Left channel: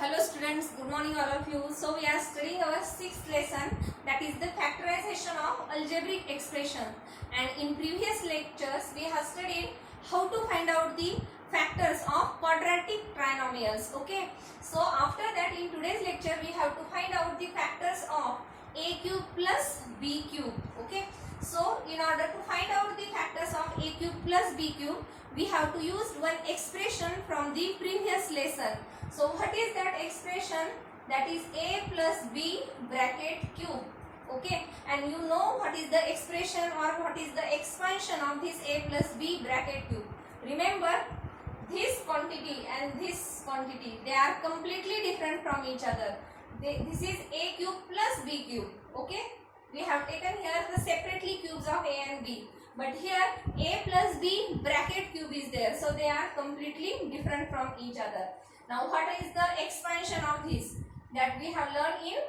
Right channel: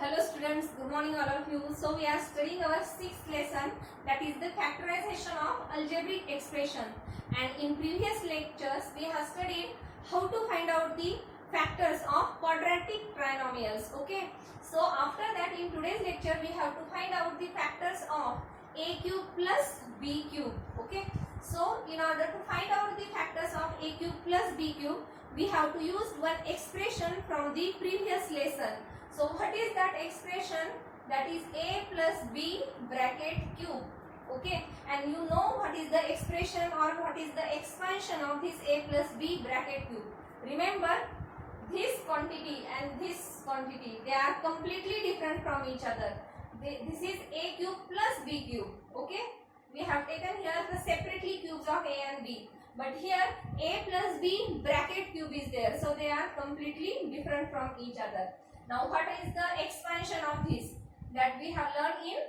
Hello students, good morning all of you. So we are studying our sixth lesson, that is the factorization of algebraic expression, and in previous lectures we have studied how to find out the factors of quadratic trinomials. Okay, so after that in today's lecture we have to find out the factors of a cube plus b cube. Okay, so in order to find out the factors of a cube plus b cube, we have to use one expression from the previous lesson. So what is that expression? That is a plus b bracket cube. Okay, and you know what is the expression or what is the expansion of this a plus b bracket cube. Remember, this quantity and this quantity, they are completely different from each other. This is a cube plus b cube. Okay, we have taken here the separately cubes of a and b, but here a plus b bracket cube is there, so they are completely different from each other. Now what is the expansion of this? That we have learned in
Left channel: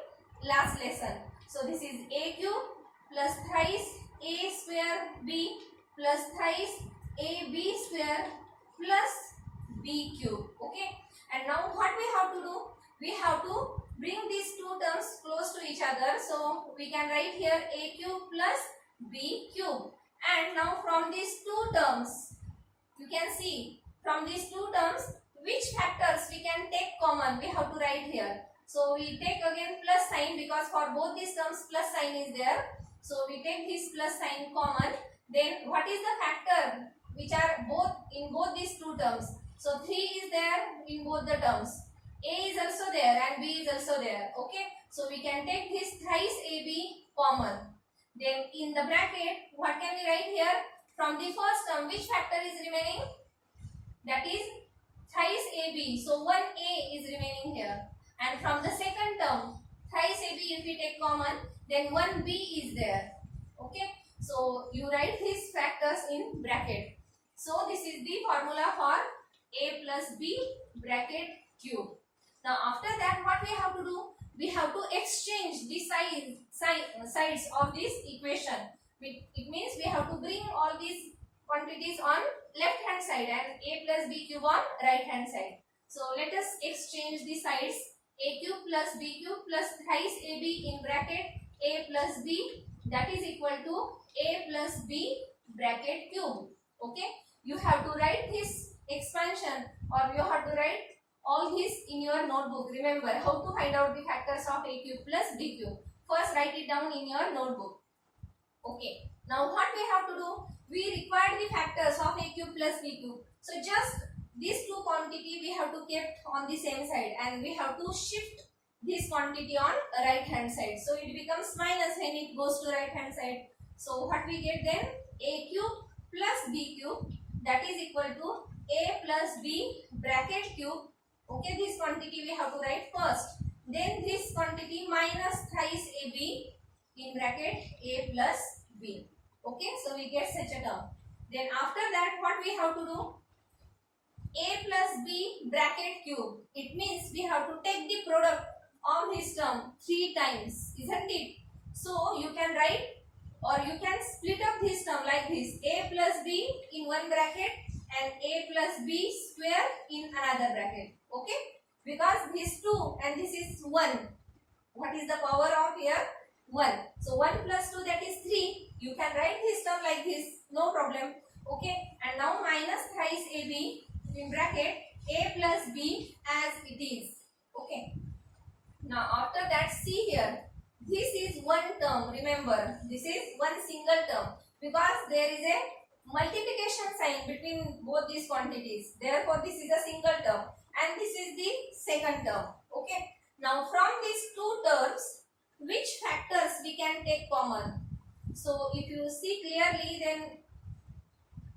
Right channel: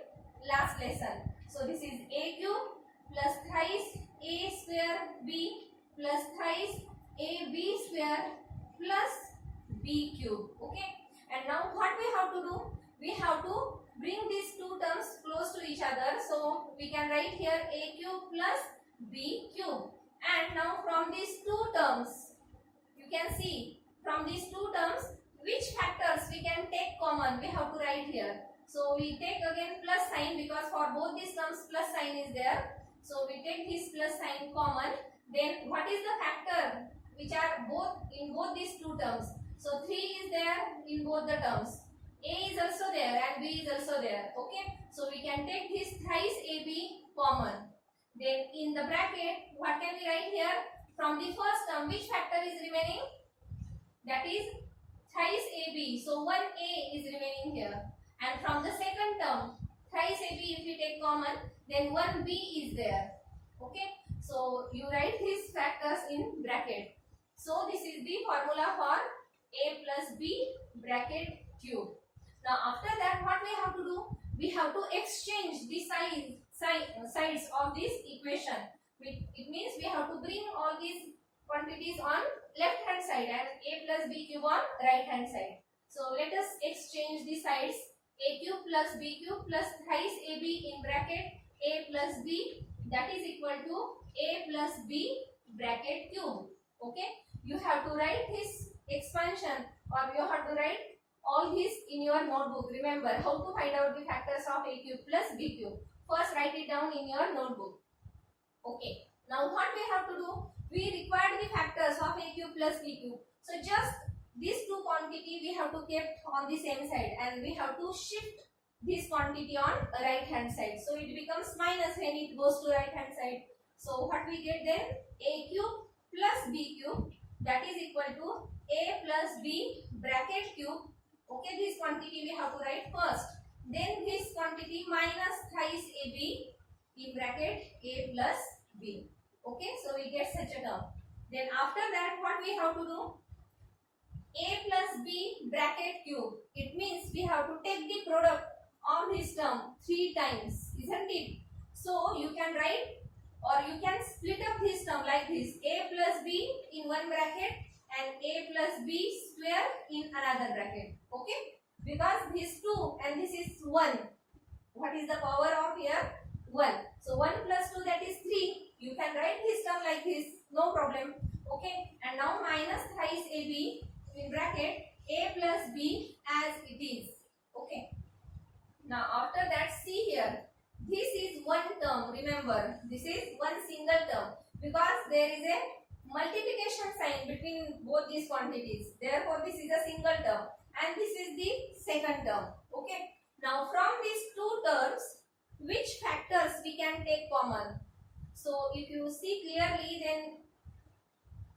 last lesson. So this is a cube plus thrice a square b plus thrice ab square plus b cube. Okay, and now what we have to do? We have to bring these two terms close to each other. So we can write here a cube plus b cube. And now from these two terms, you can see from these two terms which factors we can take common. We have to write here. So we take again plus sign, because for both these terms plus sign is there. So we take this plus sign common. Then what is the factor which are both in both these two terms? So 3 is there in both the terms. A is also there and b is also there. Okay, so we can take this thrice ab common. Then in the bracket, what can we write here? From the first term, which factor is remaining? That is thrice ab. So 1a is remaining here. And from the second term, thrice ab, if we take common, then 1b is there. Okay, so you write these factors in bracket. So this is the formula for a plus b bracket cube. Now after that, what we have to do? We have to exchange the sides of this equation. It means we have to bring all these quantities on left hand side and a plus b cube on right hand side. So let us exchange the sides. A cube plus b cube plus thrice ab in bracket a plus b, that is equal to a plus b bracket cube. Okay, you have to write this expansion, or you have to write all this in your notebook. Remember how to find out the factors of a cube plus b cube. First write it down in your notebook. Okay, now what we have to do? We require the factors of a cube plus b cube. So just these two quantity we have to keep on the same side, and we have to shift this quantity on right hand side. So it becomes minus when it goes to right hand side. So what we get then? A cube plus b cube, that is equal to a plus b bracket cube. Okay, this quantity we have to write first. Then this quantity minus thrice ab in bracket a plus b. Okay, so we get such a term. Then after that, what we have to do? A plus b bracket cube. It means we have to take the product of this term 3 times, isn't it? So you can write, or you can split up this term like this: a plus b in one bracket and a plus b square in another bracket. Okay, because this 2 and this is 1. What is the power of here? 1. So 1 plus 2, that is 3. You can write this term like this, no problem. Okay, and now minus thrice ab in bracket a plus b as it is. Okay, now after that, see here, this is one term. Remember, this is one single term, because there is a multiplication sign between both these quantities. Therefore this is a single term, and this is the second term. Okay, now from these two terms, which factors we can take common? So if you see clearly, then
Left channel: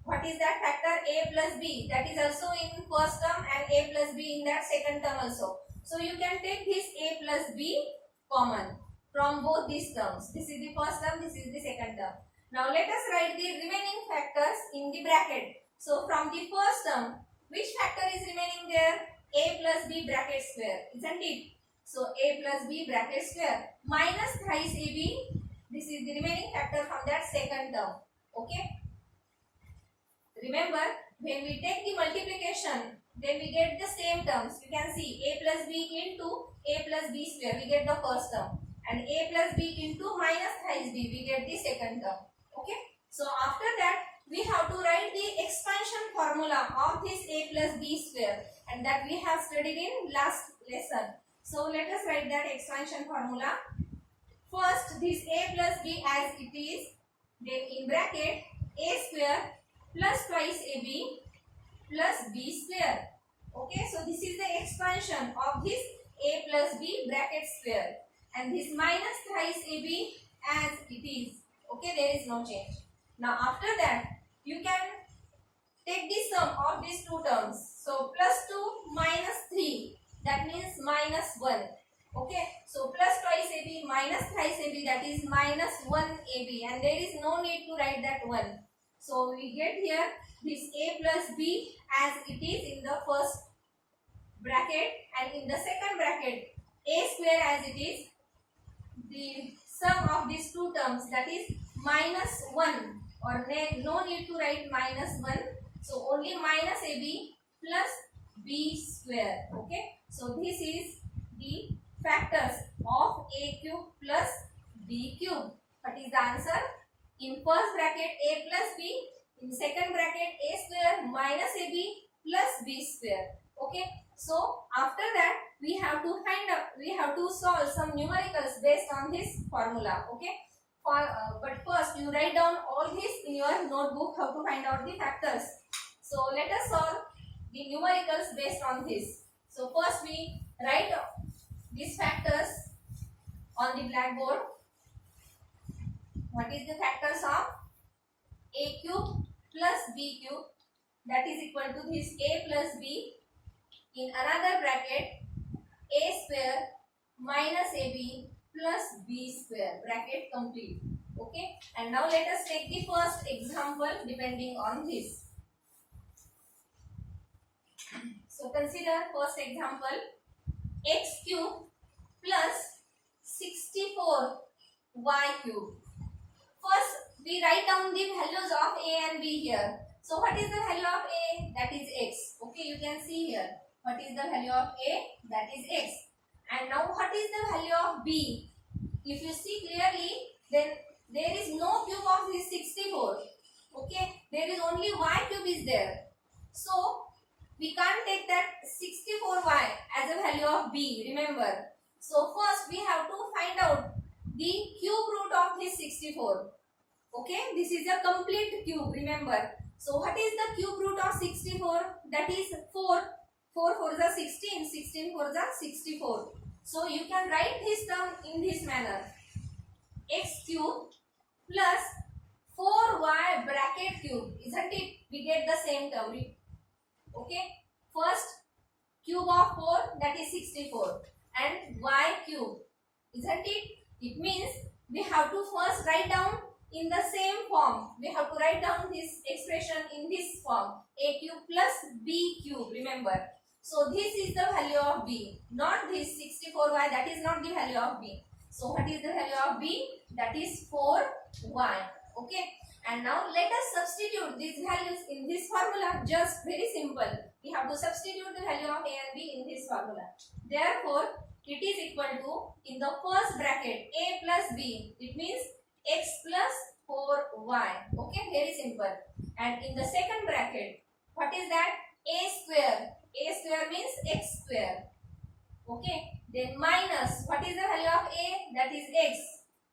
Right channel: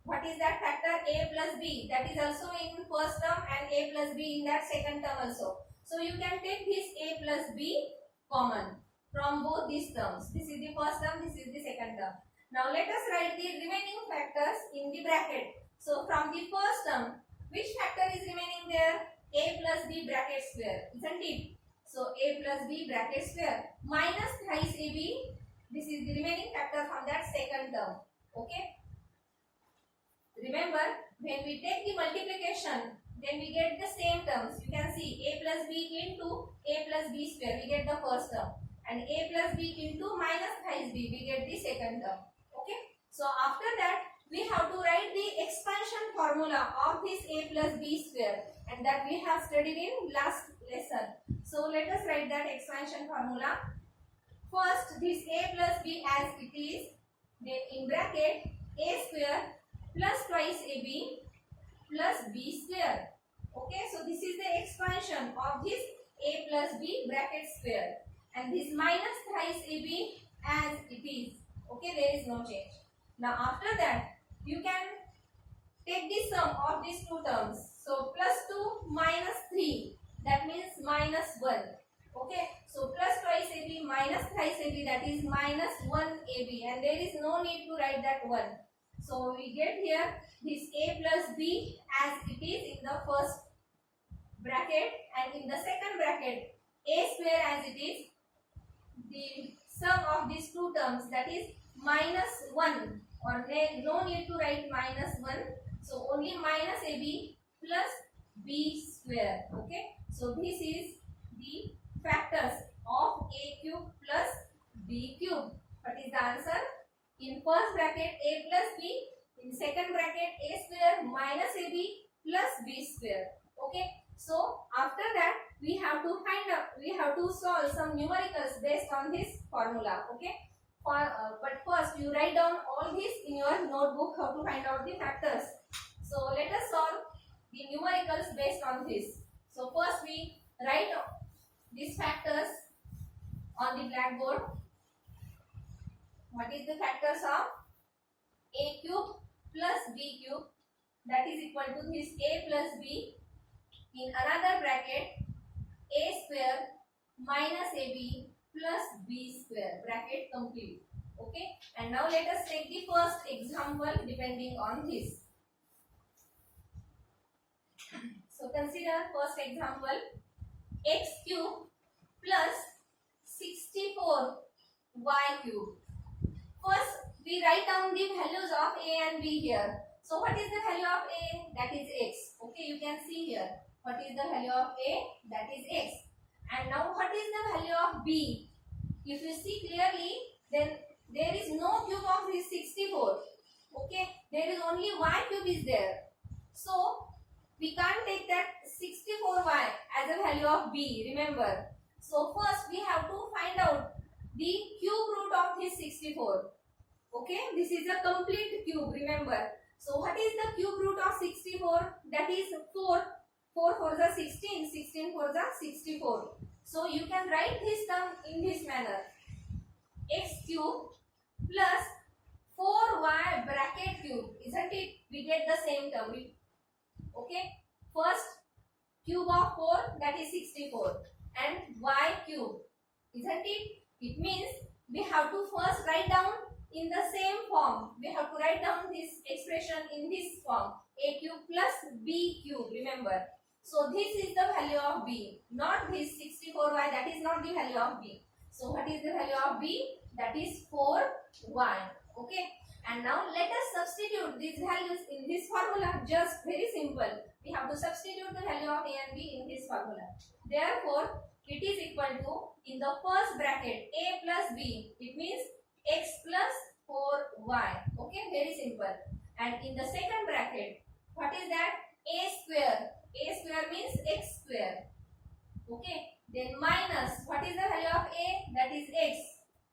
what is that factor? A plus b, that is also in first term, and a plus b in that second term also. So you can take this a plus b common from both these terms. This is the first term, this is the second term. Now let us write the remaining factors in the bracket. So from the first term, which factor is remaining there? A plus b bracket square, isn't it? So a plus b bracket square minus thrice ab, this is the remaining factor from that second term. Okay, remember when we take the multiplication, then we get the same terms. You can see a plus b into a plus b square, we get the first term, and a plus b into minus thrice b, we get the second term. Okay, so after that we have to write the expansion formula of this a plus b square, and that we have studied in last lesson. So let us write that expansion formula. First, this a plus b as it is, then in bracket a square plus twice ab plus b square. Okay, so this is the expansion of this a plus b bracket square, and this minus thrice ab as it is. Okay, there is no change. Now after that you can take the sum of these two terms. So plus 2 minus 3, that means minus 1. Okay, so plus twice ab minus thrice ab, that is minus 1 ab, and there is no need to write that 1. So we get here this a plus b as it is in the first bracket, and in the second bracket a square as it is. The sum of these two terms, that is minus 1, or no need to write minus 1. So only minus ab plus b square. Okay, so this is the factors of a cube plus b cube. What is the answer? In first bracket a plus b, in second bracket a square minus ab plus b square. Okay, so after that we have to solve some numericals based on this formula. Okay, but first you write down all this in your notebook, how to find out the factors. So let us solve the numericals based on this. So first we write these factors on the blackboard. What is the factors of a cube plus b cube, that is equal to this a plus b, in another bracket a square minus ab plus b square, bracket complete. Okay, and now let us take the first example depending on this. So consider first example, x cube plus 64y cube. First we write down the values of a and b here. So what is the value of a? That is x. Okay, you can see here. What is the value of a? That is x. And now what is the value of b? If you see clearly, then there is no cube of this 64. Okay, there is only y cube is there. So we can't take that 64y as a value of b, remember. So first we have to find out the cube root of this 64. Okay, this is a complete cube, remember. So what is the cube root of 64? That is 4. 4 4 is 16, 16 4 is 64. So you can write this term in this manner. X cube plus 4y bracket cube, isn't it? We get the same term. Okay, first cube of 4, that is 64, and y cube, isn't it? It means we have to first write down in the same form. We have to write down this expression in this form, a cube plus b cube, remember. So this is the value of b, not this 64y, that is not the value of b. So what is the value of b? That is 4y. Okay, and now let us substitute these values in this formula. Just very simple. We have to substitute the value of a and b in this formula. Therefore, it is equal to, in the first bracket, a plus b, it means x plus 4y. Okay, very simple. And in the second bracket, what is that? A square. A square means x square. Okay, then minus, what is the value of a? That is x,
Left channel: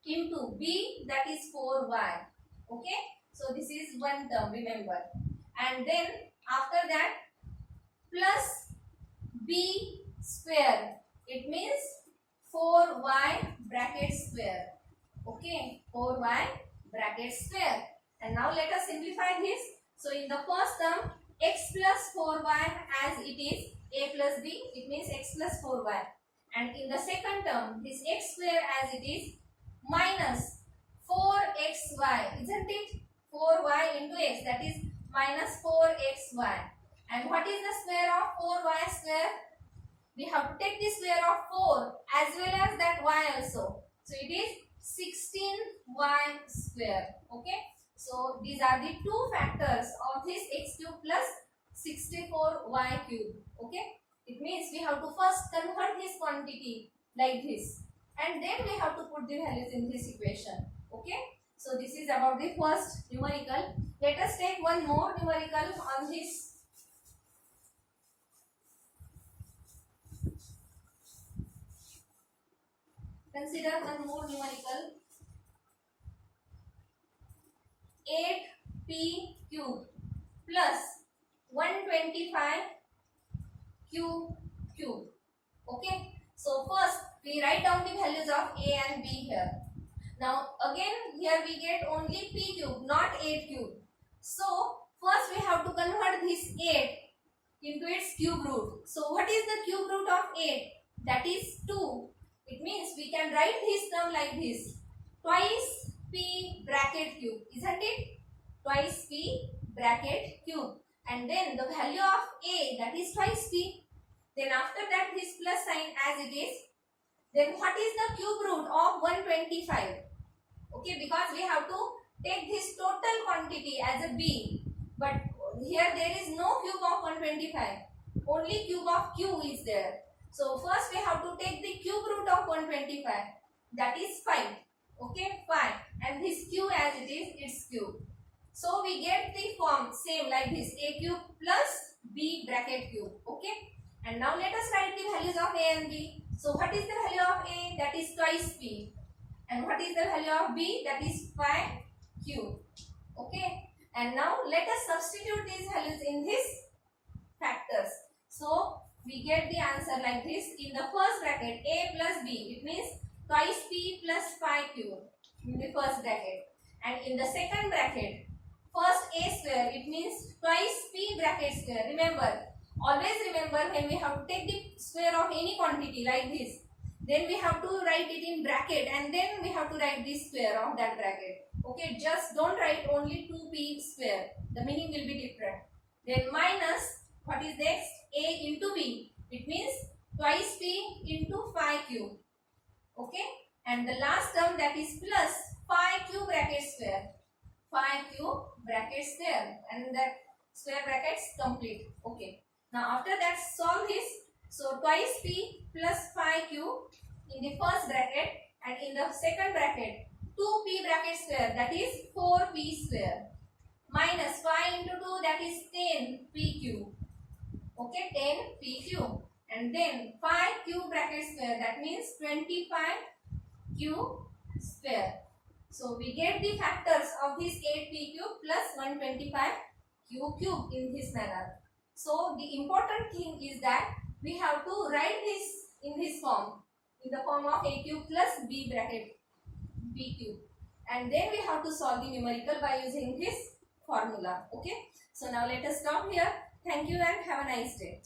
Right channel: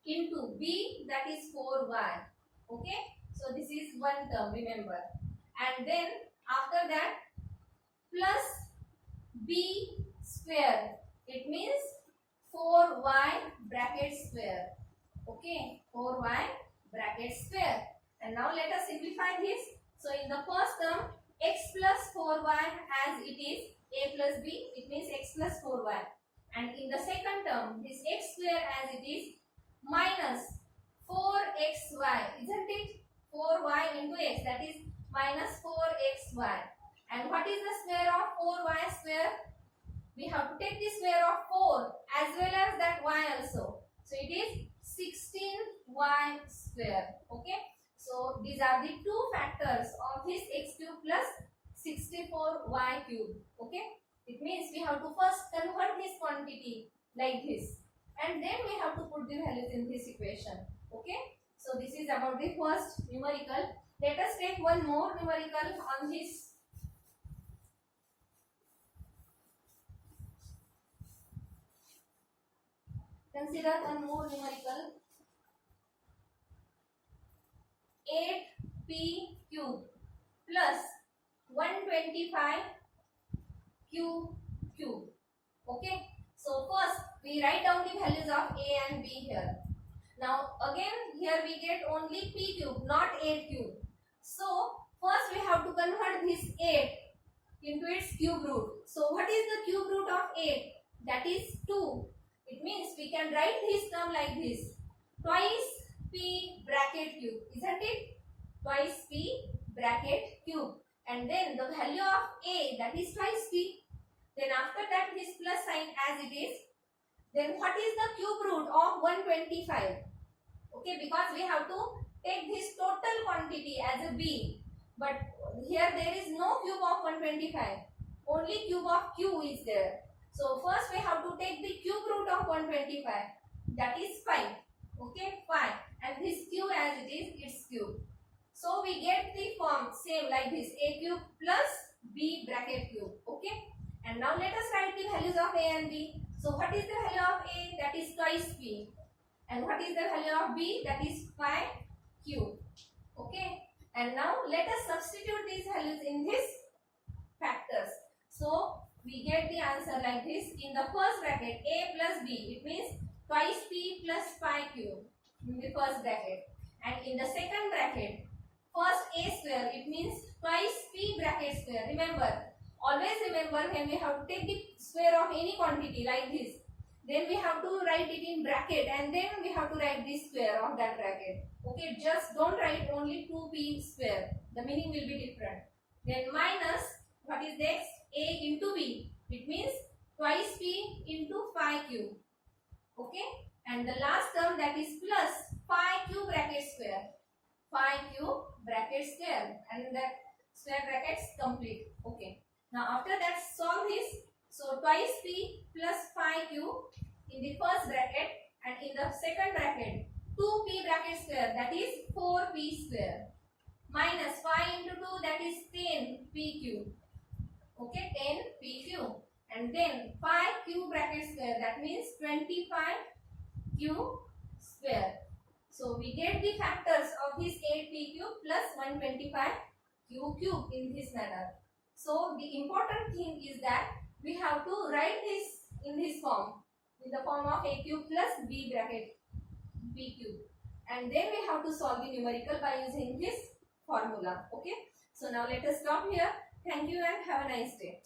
into b, that is 4y. Okay, so this is one term, remember. And then after that, plus b square, it means 4y bracket square. Okay, 4y bracket square. And now let us simplify this. So in the first term, x plus 4y as it is, a plus b, it means x plus 4y. And in the second term, this x square as it is, minus 4xy, isn't it? 4y into x, that is minus 4xy. And what is the square of 4y square? We have to take the square of 4 as well as that y also. So it is 16y square. Okay, so these are the two factors of this x cube plus 64y cube. Okay, it means we have to first convert this quantity like this, and then we have to put the values in this equation. Okay, so this is about the first numerical. Let us take one more numerical on this. Consider one more numerical. 8p cube plus 125 q cube. Okay, so first we write down the values of a and b here. Now again here we get only p cube, not 8 cube. So first we have to convert this 8 into its cube root. So what is the cube root of 8? That is 2. It means we can write this term like this: twice p bracket cube, isn't it? Twice p bracket cube, and then the value of a, that is twice p. Then after that this plus sign as it is. Then what is the cube root of 125? Okay, because we have to take this total quantity as a b, but here there is no cube of 125, only cube of q is there. So first we have to take the cube root of 125, that is 5. Okay, 5, and this q as it is, its cube. So we get the form same like this: a cube plus b bracket cube. Okay, and now let us write the values of a and b. So what is the value of a? That is twice p. And what is the value of b? That is 5 cube. Okay, and now let us substitute these values in this factors. So we get the answer like this: in the first bracket a plus b, it means twice p plus 5 cube in the first bracket, and in the second bracket first a square, it means twice p bracket square. Remember, always remember, when we have to take the square of any quantity like this, then we have to write it in bracket, and then we have to write the square of that bracket. Okay, just don't write only 2p square, the meaning will be different. Then minus, what is next? A into b, it means twice p into 5 cube. Okay, and the last term, that is plus 5 cube bracket square, 5 cube bracket square, and that square brackets complete. Okay, now after that solve this. So twice p plus 5 cube in the first bracket, and in the second bracket 2p bracket square, that is 4p square, minus 5 into 2, that is 10p cube. Okay, 10p cube, and then 5 cube bracket square, that means 25 cube square. So we get the factors of this 8p cube plus 125 cube in this manner. So the important thing is that we have to write this in this form, in the form of a cube plus b bracket b cube, and then we have to solve the numerical by using this formula. Okay, so now let us stop here. Thank you and have a nice day.